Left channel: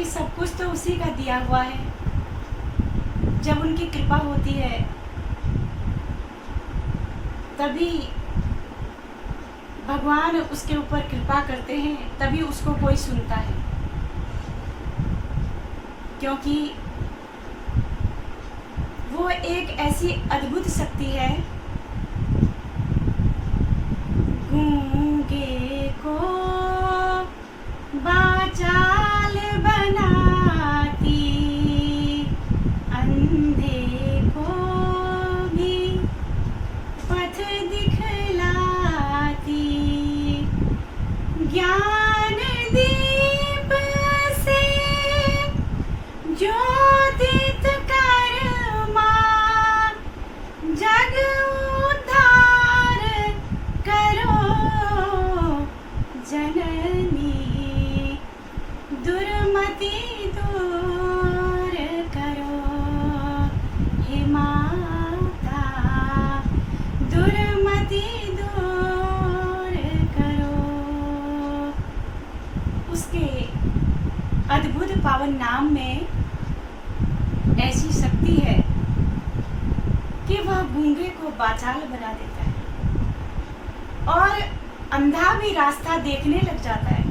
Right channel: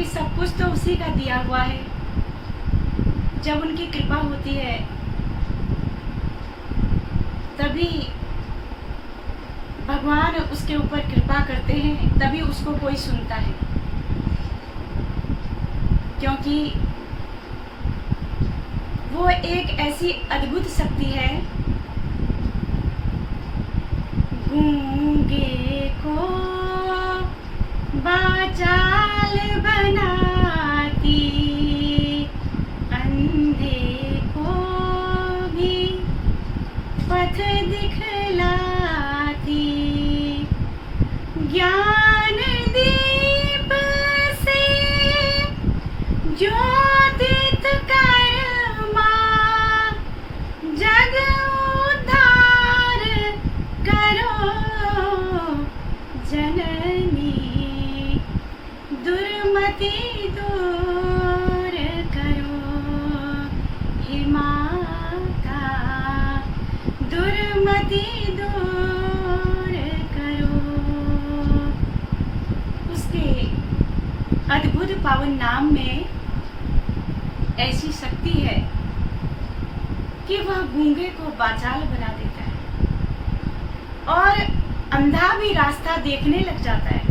कि सब कुछ तो उसी का दिया हुआ है। जब उनकी कृपा होती है तभी भगवान उसके ऊपर कृपा करते हैं, तभी उसको कोई सुनता है। क्योंकि वो एक ऐसी अद्भुत शक्ति है, गूंगे को वाचाल बनाती, अंधे को भी पथ दिखलाती, ज्ञान दीप से ज्योतित कर्मा, जग उद्धार करो जननी, दुर्मति दूर करो हे माता, दुर्मति दूर करो। उसके अद्भुत पावन नाम में ऐसी शक्ति है कि वह गूंगे को वाचाल बना देता है और अंधा भी रास्ता देखने लग जाता है।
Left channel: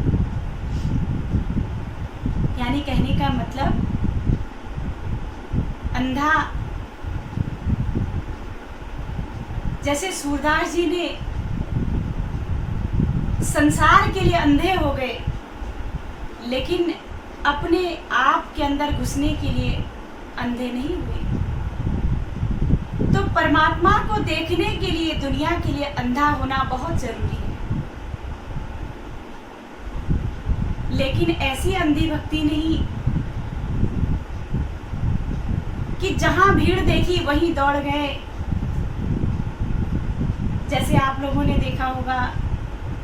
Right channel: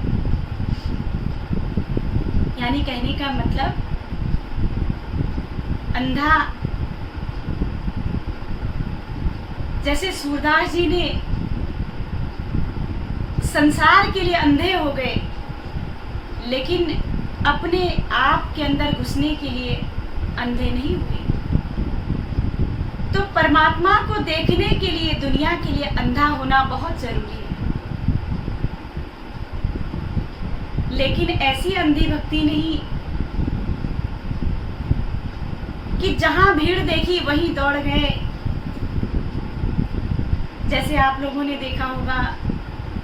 यानी कहने का मतलब, अंधा जैसे सूरदास जी ने संसार के लिए अंधे हो गए, लेकिन अपने आप के अंदर घुसने के लिए अंधे नहीं हुए। तो परमात्मा को देखने के लिए, दुनिया के लिए अंधा होना बहुत जरूरी है। लेकिन ऐसी अंधी भक्ति नहीं कि जहां भीड़ देखी वहीं दौड़ गए। जैसे आप लोगों ने देखा होगा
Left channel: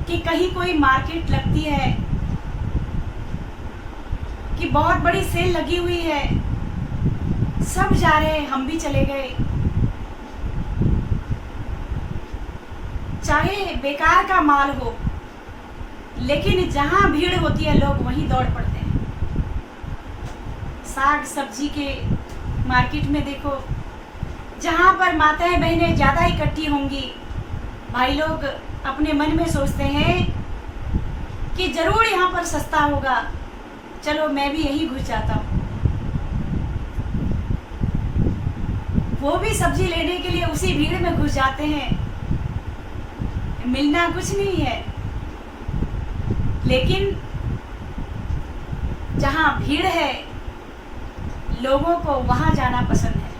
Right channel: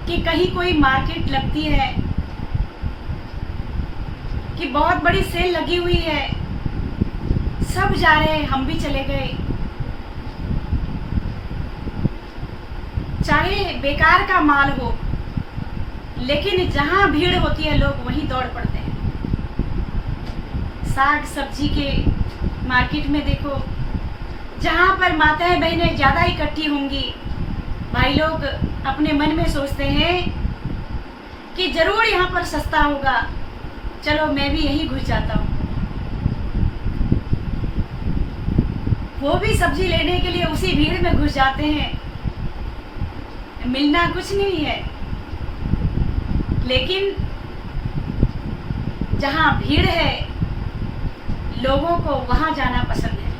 कि कहीं कोई मार्केट लगती है कि बहुत बड़ी सेल लगी हुई है, सब जा रहे हैं, हम भी चले गए। चाहे बेकार का माल हो, लेकिन जहां भीड़ होती है लोग वहीं दौड़ पड़ते हैं। साग सब्जी के मार्केट में देखो, जहां पर माताएं बहनें ज्यादा इकट्ठी होंगी, भाई लोग अपने मन में सोचते हैं कि जरूर यहाँ पर सस्ता होगा, चलो मैं भी यहीं घुस जाता हूँ। वो भी सब्जी लेने के लिए उसी भीड़ में घुस जाते हैं। मिलना कुछ नहीं है, लेकिन जहाँ भीड़ है लोगों को वहां जाना पसंद है।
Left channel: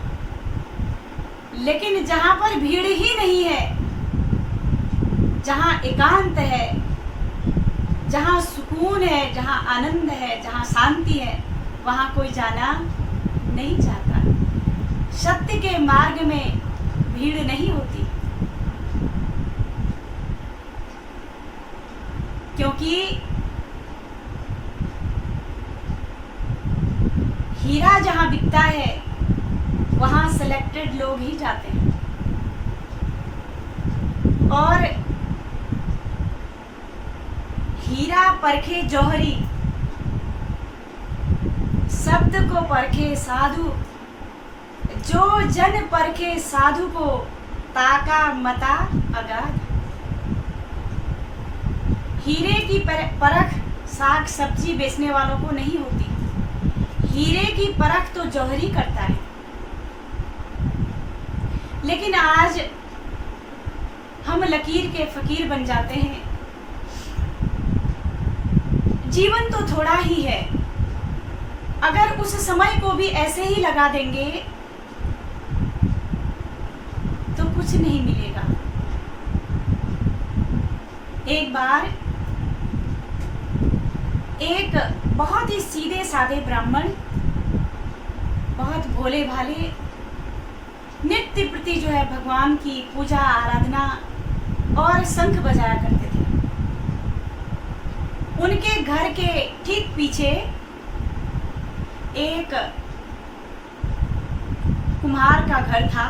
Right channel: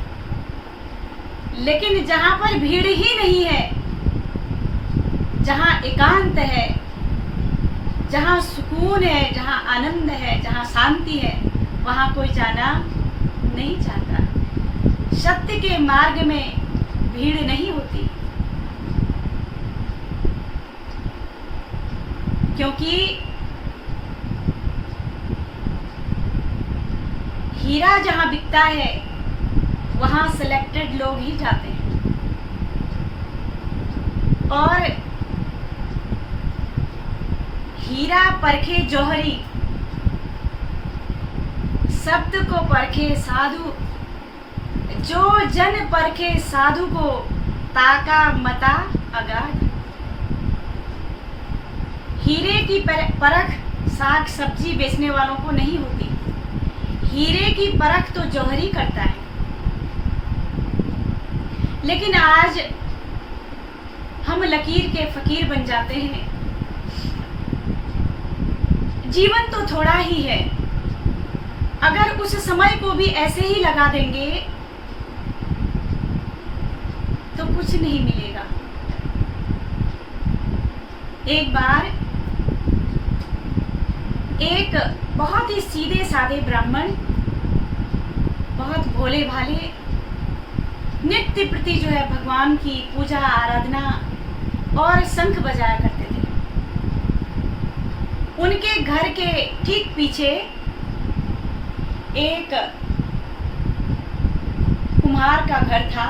लेकिन जहाँ पर भीड़ ही नहीं है, जहाँ एकांत है, जहाँ सुकून है, जहाँ आनंद है, जहाँ शांति है, वहाँ कोई जाना नहीं चाहता। सत्य के मार्ग में भीड़ नहीं होती, क्योंकि हीरा जहाँ बिकता है वहाँ सिलेक्टेड लोग ही जाते हैं। और हीरा परखे जौहरी, शब्द को परखे साधु, जो जन परखे साधु को, ताका मता अगाध। हीरे की परख साग सब्जी बेचने वालों को नहीं होती, हीरे की परख तो जौहरी करता है। लेकिन आज हम लकीर के फकीर बन जाते हैं। जीवन तो थोड़ा ही है, अगर उस समय को भी ऐसे ही लगा देंगे तो कुछ नहीं मिलेगा। एक बार एक बहुत ही सीधे साधे ब्राह्मण, बहुत भोले भाले, नित्य प्रति जो है भगवान की पूजा आराधना और शंख बजाया करते थे। उनके घर के ठीक पीछे एक कुम्हार का घर था।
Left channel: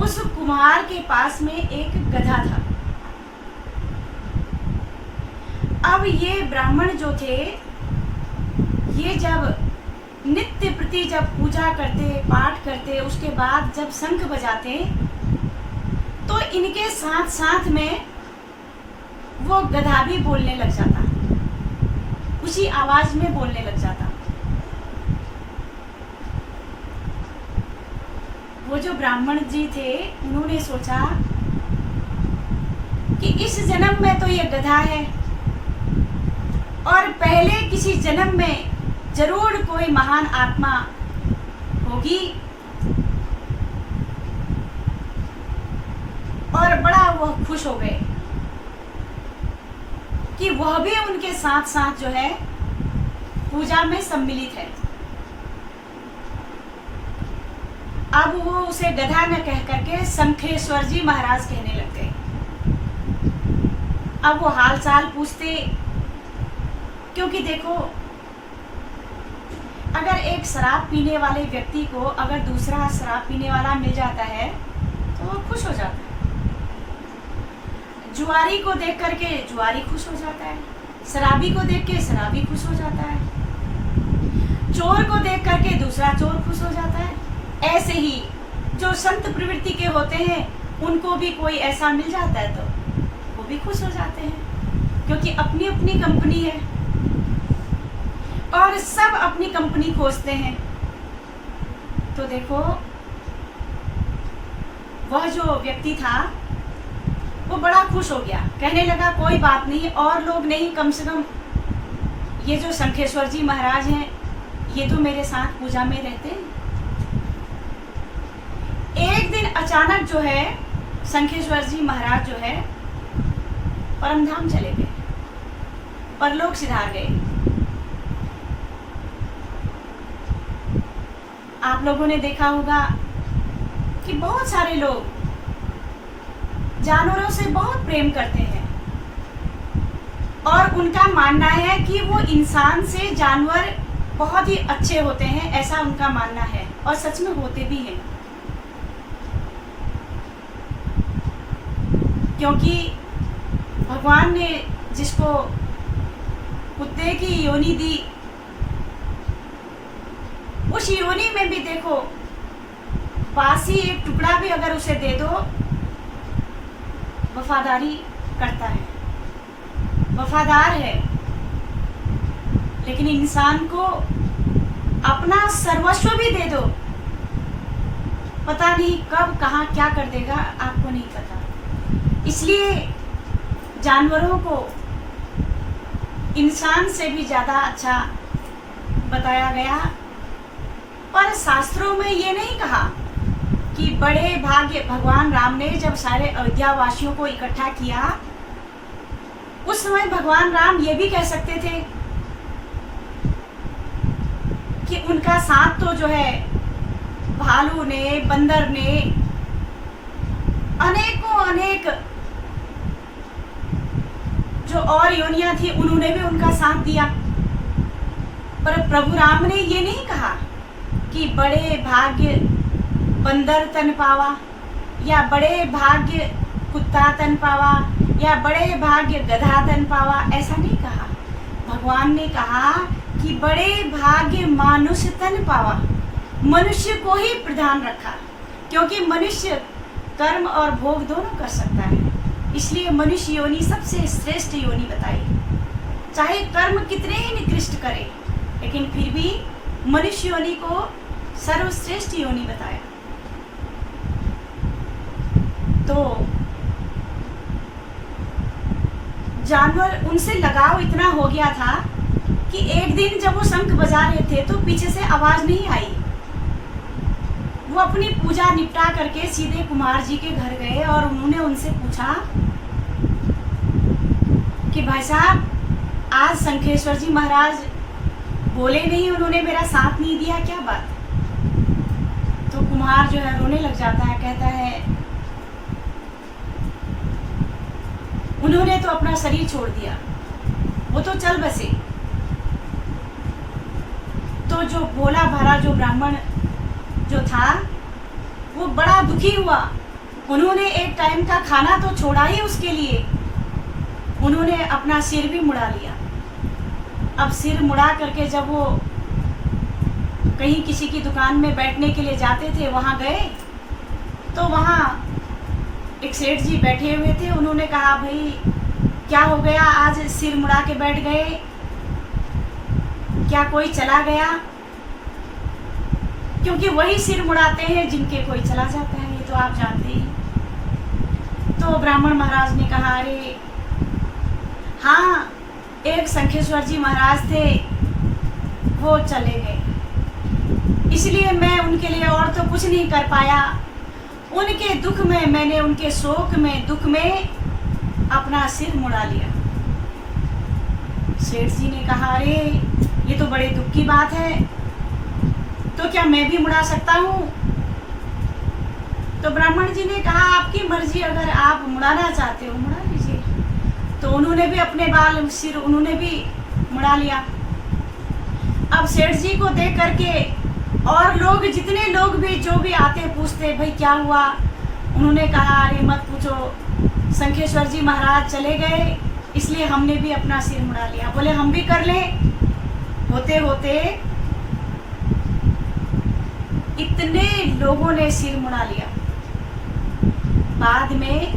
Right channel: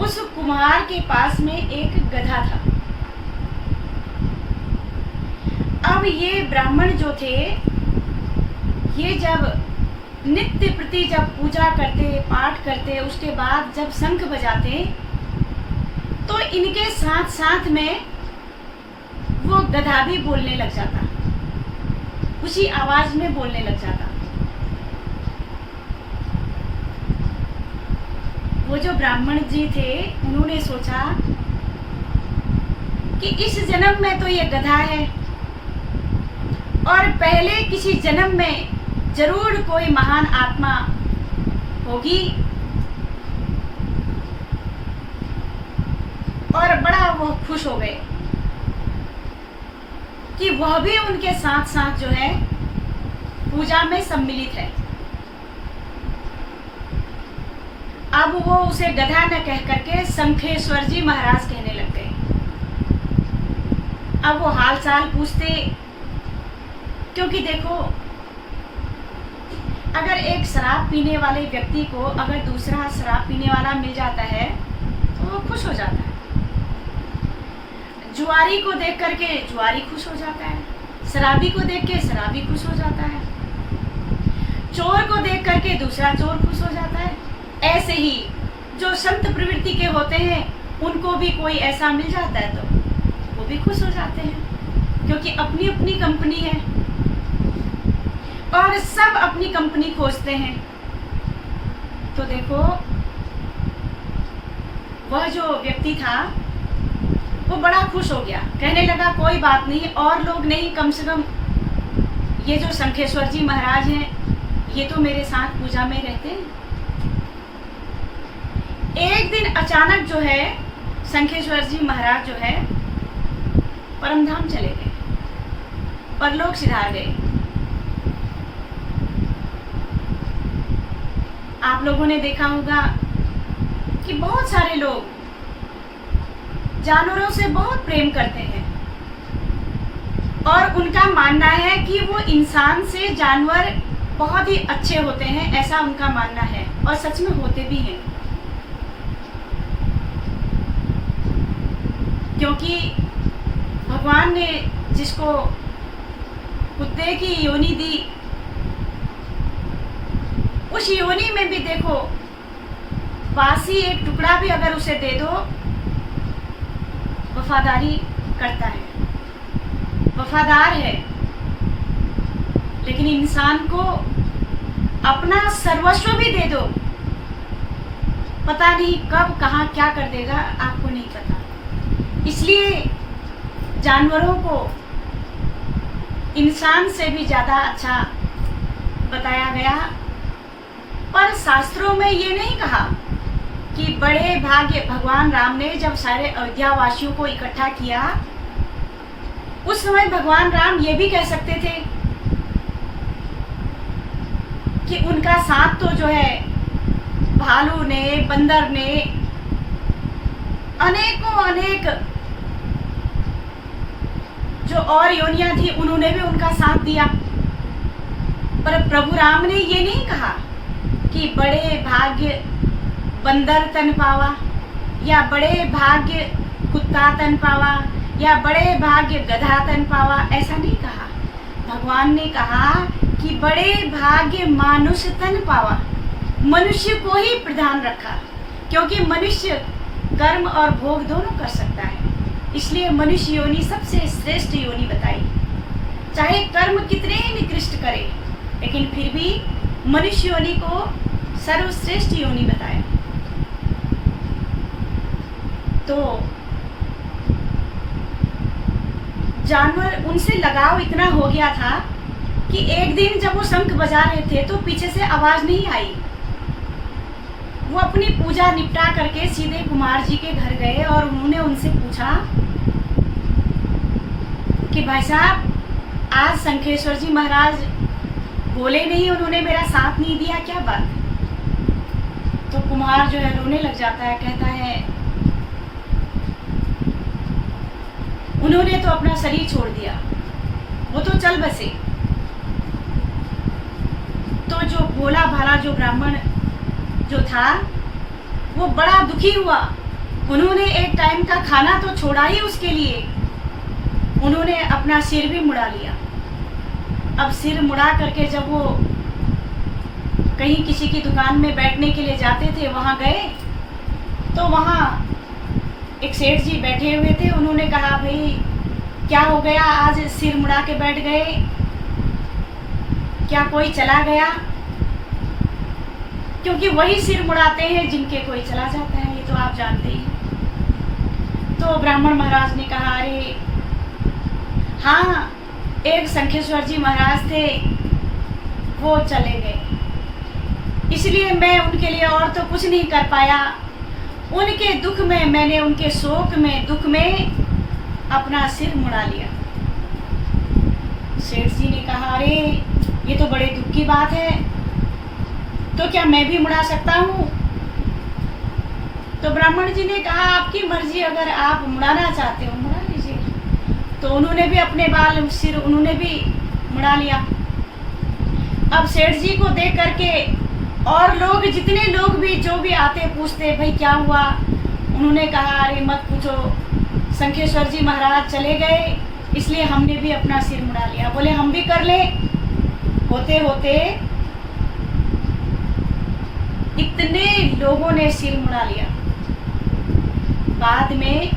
उस कुम्हार के पास में एक गधा था। अब ये ब्राह्मण जो थे ये जब नित्य प्रति जब पूजा करते, पाठ करते, उसके बाद जब शंख बजाते, तो इनके साथ साथ में वो गधा भी बोलने लग जाता, उसी आवाज में बोलने लग जाता। वो जो ब्राह्मण जी थे, उन्होंने सोचा कि इस जन्म में तो ये गधा है और पहले किसी जन्म में जरूर कोई महान आत्मा होगी, और बड़ा वो खुश हो गए कि वह भी उनके साथ साथ जो है पूजा में सम्मिलित है। अब वो उसे गधा न कह करके शंखेश्वर जी महाराज कहने लग गए। अब वो हाल चाल पूछते, क्योंकि देखो अगर एक शराब पीने वाले व्यक्ति को अगर दूसरा शराब पीने वाला मिल जाता है तो वो खुश हो जाता है। जुआरी को देख करके जुआरी खुश हो जाता है, शराबी को देख के शराबी खुश हो जाता है, चोर को देख करके दूसरा चोर खुश हो जाता है। ऐसे ही जो संत प्रवृत्ति के होते हैं उनको भी कोई ऐसा मिल जाता है तो वो भी खुश हो जाते हैं, क्योंकि अपनी अपनी कंपनी है और सब अपनी कंपनी खोजते हैं। तो देखो वह जो व्यक्ति था वो बड़ा खुश हो गया, कहने लगा कोई बात नहीं, और लोग नहीं, कम से कम ये जो शंखेश्वर जी महाराज हैं ये तो मेरे साथ पूजा में रहते हैं। एक दिन अचानक जो है शंखेश्वर जी महाराज जो है परमधाम चले गए, परलोक सिधार गए। आप लोगों ने देखा होगा कि बहुत सारे लोग जानवरों से बहुत प्रेम करते हैं और उनका मानना है कि वो इंसान से जानवर बहुत ही अच्छे होते हैं, ऐसा उनका मानना है और सच में होते भी हैं। क्योंकि भगवान ने जिसको कुत्ते की योनि दी, उस योनि में भी देखो बासी एक टुकड़ा भी अगर उसे दे दो वफादारी करता है, वफादार है। लेकिन इंसान को अपना सर्वस्व भी दे दो, पता नहीं कब कहाँ क्या कर देगा, आपको नहीं पता। इसलिए जानवरों को इंसान से भी ज़्यादा अच्छा बताया गया। पर शास्त्रों में ये नहीं कहा कि बड़े भाग्य, भगवान राम ने जब सारे अयोध्या वासियों को इकट्ठा किया उस समय भगवान राम ये भी कह सकते थे कि उनका साथ तो जो है भालू ने, बंदर ने, अनेकों अनेक जो और योनियां थी उन्होंने भी उनका साथ दिया। पर प्रभु राम ने ये नहीं कहा कि बड़े भाग्य बंदर तन पावा, या बड़े भाग्य कुत्ता तन पावा, या बड़े भाग्य गधा तन पावा, ऐसा नहीं कहा। भगवान ने कहा कि बड़े भाग्य मानुष तन पावा, मनुष्य को ही प्रधान रखा, क्योंकि मनुष्य कर्म और भोग दोनों कर सकता है। इसलिए मनुष्य योनि सबसे श्रेष्ठ योनि बताई। चाहे कर्म कितने ही निकृष्ट करे, लेकिन फिर भी मनुष्य योनि को सर्वश्रेष्ठ योनि बताया। तो जानवर, उनसे लगाव इतना हो गया था कि एक दिन जब वो शंख बजा रहे थे तो पीछे से आवाज नहीं आई। वो अपनी पूजा निपटा करके सीधे कुमार जी के घर गए और उन्होंने उनसे पूछा कि भाई साहब, आज शंखेश्वर जी महाराज बोले नहीं, उन्होंने मेरा साथ नहीं दिया, क्या बात? तो कुम्हार जो है रोने लग जाता है, कहता है उन्होंने तो अपना शरीर छोड़ दिया, वो तो चल बसे। तो जो भोला भाला जो ब्राह्मण जो था वो बड़ा दुखी हुआ। उन्होंने एक टाइम का खाना तो छोड़ा ही, उसके लिए उन्होंने अपना सिर भी मुड़ा लिया। अब सिर मुड़ा करके जब वो कहीं किसी की दुकान में बैठने के लिए जाते थे, वहाँ गए तो वहाँ एक सेठ जी बैठे हुए थे। उन्होंने कहा, भाई क्या हो गया, आज सिर मुड़ा के बैठ गए, क्या कोई चला गया? क्योंकि वही सिर मुड़ाते हैं जिनके कोई चला जाता है, ये तो आप जानते ही। तो ब्राह्मण महाराज ने कहा, अरे हाँ, एक शंखेश्वर जी महाराज थे, वो चले गए, इसलिए मैं उनके लिए और तो कुछ नहीं कर पाया। उनके दुख में मैंने, उनके शोक में, दुख में अपना सिर मुड़ा लिया। सेठ जी ने कहा, अरे ये तो बड़े दुख की बात है, तो क्या मैं भी मुड़ा सकता हूँ? तो ब्राह्मण जी ने कहा, आपकी मर्जी, अगर आप मुड़ाना चाहते हो मुड़ा लीजिए। तो उन्होंने भी अपने बाल, सिर उन्होंने भी मुड़ा लिया। अब सेठ जी को देख करके और लोग, जितने लोग भी जो भी आते पूछते, भाई क्या हुआ? उन्होंने कहा, अरे मत पूछो, शंखेश्वर जी महाराज चले गए, इसलिए हमने भी अपना सिर मुड़ा लिया। बोले हम भी कर ले। होते होते इतने लोगों ने सिर मुड़ा लिया। बाद में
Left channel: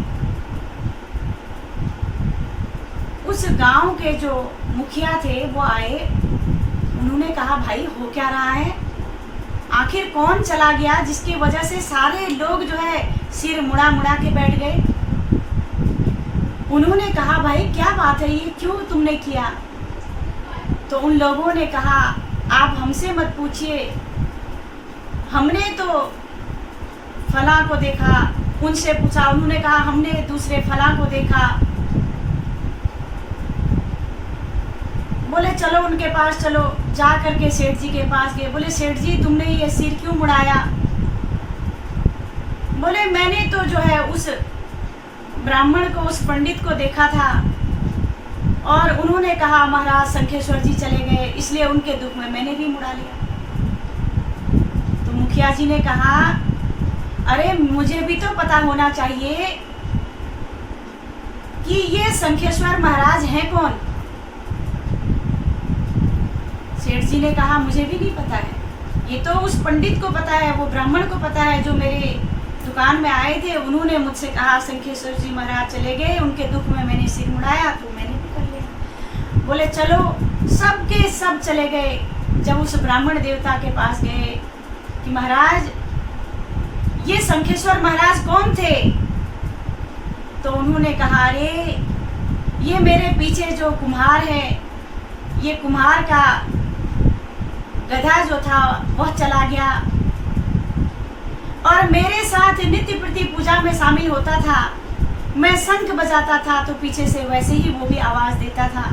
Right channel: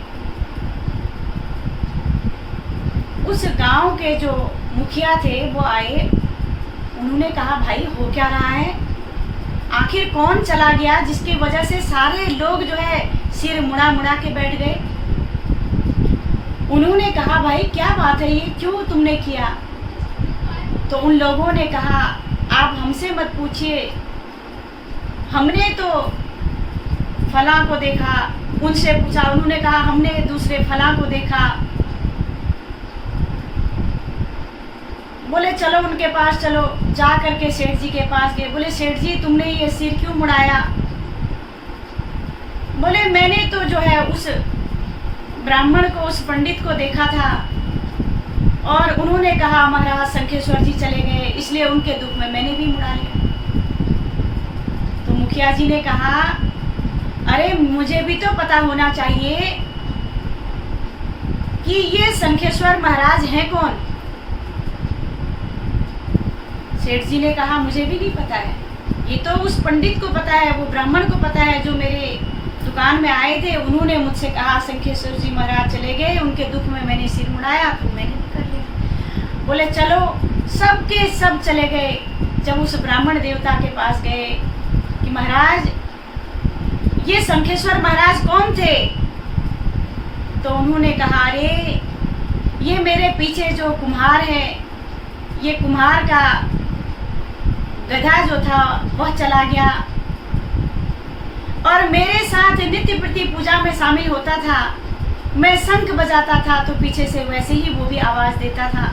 उस गांव के जो मुखिया थे वो आए, उन्होंने कहा, भाई हो क्या रहा है? आखिर कौन चला गया जिसकी वजह से सारे लोग जो है सिर मुड़ा मुड़ा के बैठ गए? उन्होंने कहा, भाई क्या बात है, ये क्यों तुमने किया? तो उन लोगों ने कहा, आप हमसे मत पूछिए, हमने तो फला को देखा। उनसे पूछा, उन्होंने कहा, हमने दूसरे फला को देखा। बोले चलो उनके पास चलो। जा करके सेठ जी के पास गए। बोले सेठ जी, तुमने ये सिर क्यों मुड़ाया? बोले मैंने तो जो है उस ब्राह्मण को, उस पंडित को देखा था और उन्होंने कहा महाराज शंखेश्वर जी चले गए, इसलिए उनके दुख में मैंने भी मुड़ा लिया। तो मुखिया जी ने कहा, अरे मुझे भी तो पता होना चाहिए कि ये शंखेश्वर महाराज हैं कौन? सेठ जी ने कहा, मुझे भी नहीं पता है, ये तो उस पंडित को पता है, वो ब्राह्मण को पता है जो मेरे दुकान में आए थे। उन्होंने मुझसे कहा शंखेश्वर जी महाराज चले गए, उनके दुख में मैंने सिर मुड़ाया, तो मैंने भी कर लिया। बोले चलो, सबके सब चले गए। जब उस ब्राह्मण देवता के पास गए कि महाराज ये शंखेश्वर महाराज कौन थे? तो उन्होंने कहा, अरे ये मेरे पीछे जो कुम्हार है, ये कुम्हार का गधा जो था वह चला गया और मेरे साथ नित्य प्रति पूजा में शामिल होता था। मैं शंख बजाता था तो पीछे से वैसे ही वो भी आवाज देता था।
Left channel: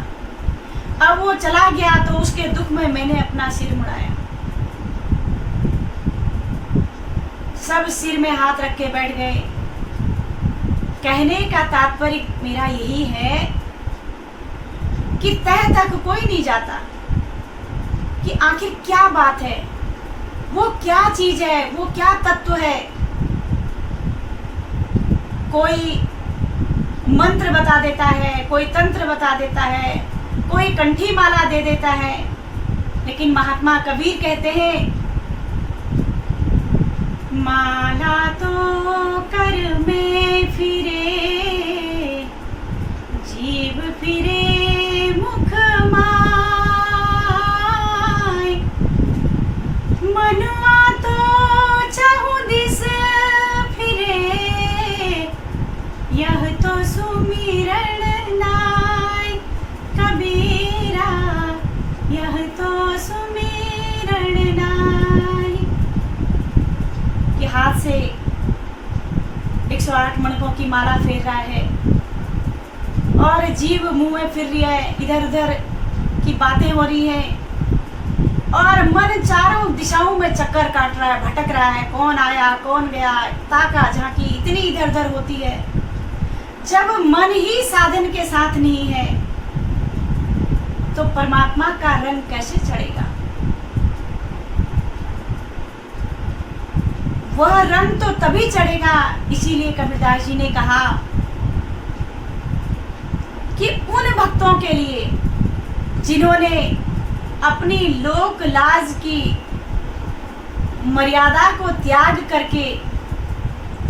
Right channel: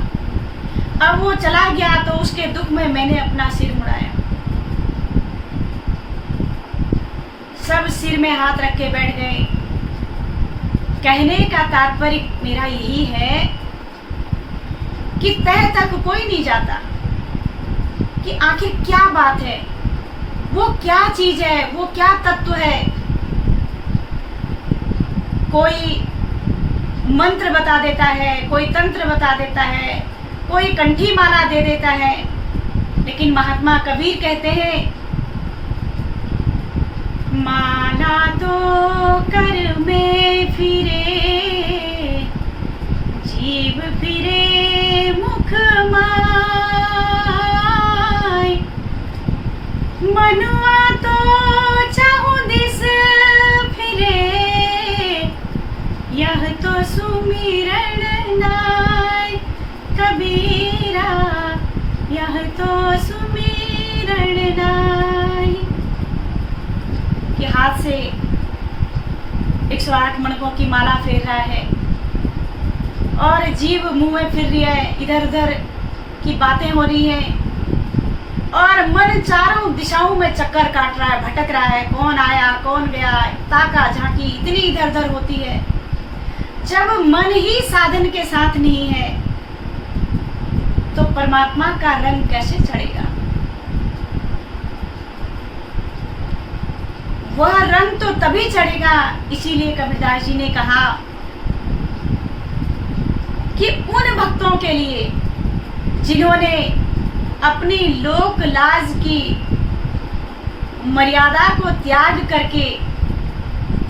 अब वो चला गया तो उसके दुख में मैंने अपना सिर मुड़ाया। सब सिर में हाथ रख के बैठ गए। कहने का तात्पर्य मेरा यही है कि तह तक कोई नहीं जाता कि आखिर क्या बात है, वो क्या चीज है, वो क्या तत्व है। कोई मंत्र बता देता है, कोई तंत्र बता देता है, कोई कंठी माला दे देता है, लेकिन महात्मा कबीर कहते हैं, माला तो कर में फिरे, जीव फिरे मुख माय, मनुआ तो चाहु दिस फिरे, यह तो सुमिरन नाय कबीरा, यह तो सुमिरन नाय। कि हाथ से 108 मणकों की माला फेर रहा है और जीव मुंह में फिर रही है, इधर उधर की बातें हो रही है और मन चारों दिशाओं में चक्कर काट रहा है, भटक रहा है, कौन आया कौन गया, ताका झांकी इतनी इधर उधर होती है। जब मन ही साधन के साथ नहीं है तो परमात्मा का रंग कैसे चढ़ेगा? वह रंग तो तभी चढ़ेगा। इसीलिए कबीरदास जी ने कहा कि उन भक्तों के लिए जिन्होंने अपनी लोक लाज की मर्यादा को त्याग करके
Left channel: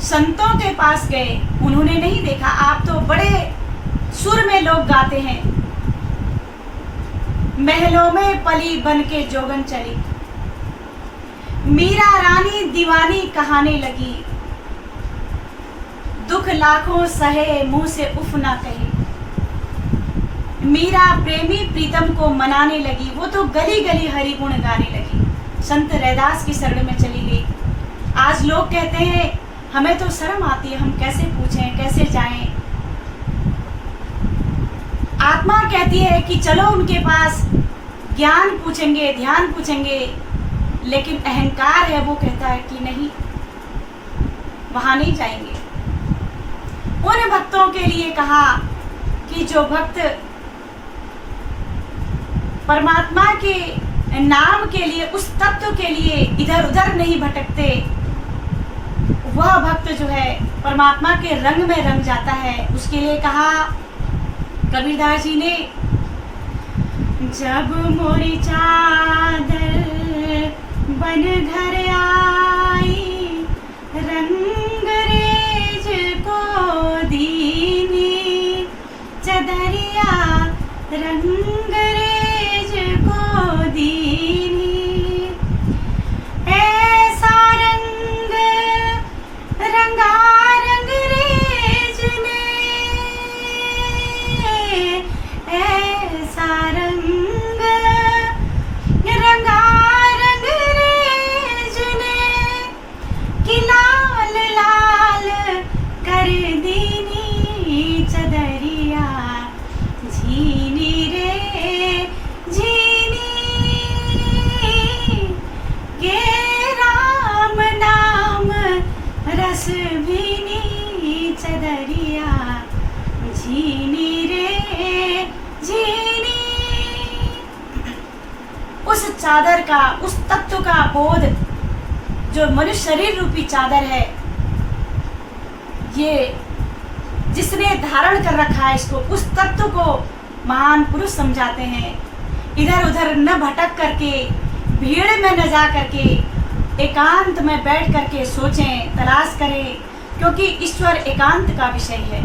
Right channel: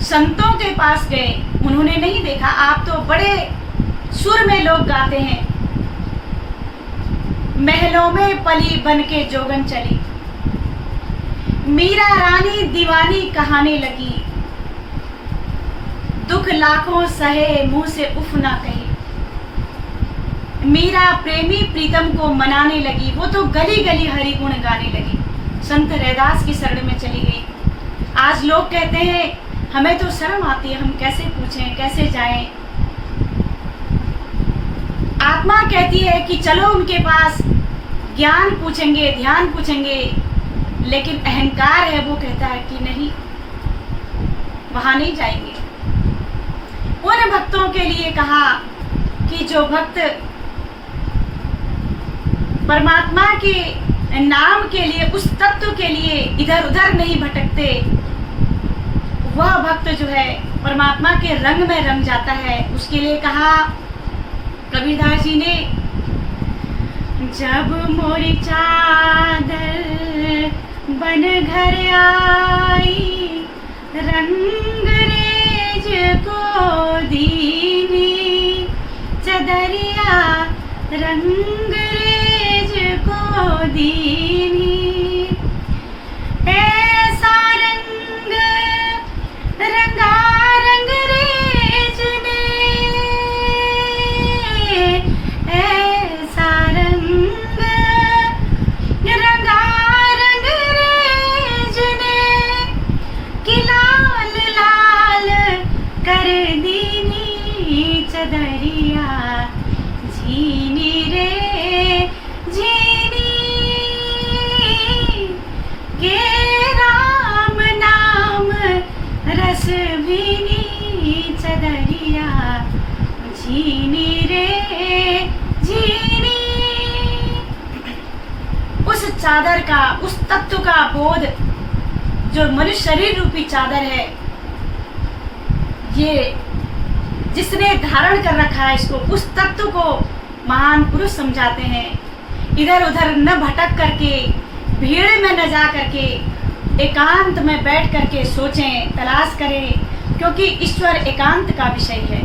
संतों के पास गए। उन्होंने नहीं देखा, आप तो बड़े सुर में लोग गाते हैं, महलों में पली बन के जोगन चली, मीरा रानी दीवानी कहाने लगी, दुख लाखों सहे मुंह से उफ ना कही। मीरा प्रेमी प्रीतम को मनाने लगी, वो तो गली गली हरि गुण गाने लगी, संत रैदास की शरण में चली गई। आज लोग कहते हैं हमें तो शर्म आती है, हम कैसे पूछें, कैसे जाएं। आत्मा कहती है कि चलो उनके पास, ज्ञान पूछेंगे, ध्यान पूछेंगे, लेकिन अहंकार है, वो कहता है कि नहीं, वहां नहीं जाएंगे। उन भक्तों के लिए कहा कि जो भक्त परमात्मा के नाम के लिए, उस तत्व के लिए इधर उधर नहीं भटकते, वह भक्त जो है परमात्मा के रंग में रंग जाता है। उसके लिए कहा कबीरदास जी ने, जब मोरी चादर बन घर आई, रंग रेज को दीनी, चदरिया रंग रेज को दीनी, ऐसा रंग रंगा रंग रेज ने, ऐसा रंग रंगा रंग रेज ने, कि लाल लाल कर दीनी, चदरिया झीनी रे झीनी, के राम नाम रस भीनी, चदरिया झीनी रे झीनी। उस चादर का, उस तत्व का बोध जो मनुष्य शरीर रूपी चादर है, ये जिसने धारण कर रखा है इसको, उस तत्व को महान पुरुष समझाते हैं। इधर उधर न भटक करके, भीड़ में न जा करके, एकांत में बैठ करके सोचें, तलाश करें, क्योंकि ईश्वर एकांत का विषय है।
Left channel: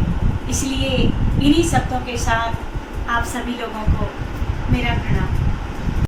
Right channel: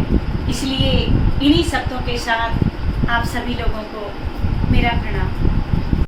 इसलिए इन्हीं शब्दों के साथ आप सभी लोगों को मेरा प्रणाम।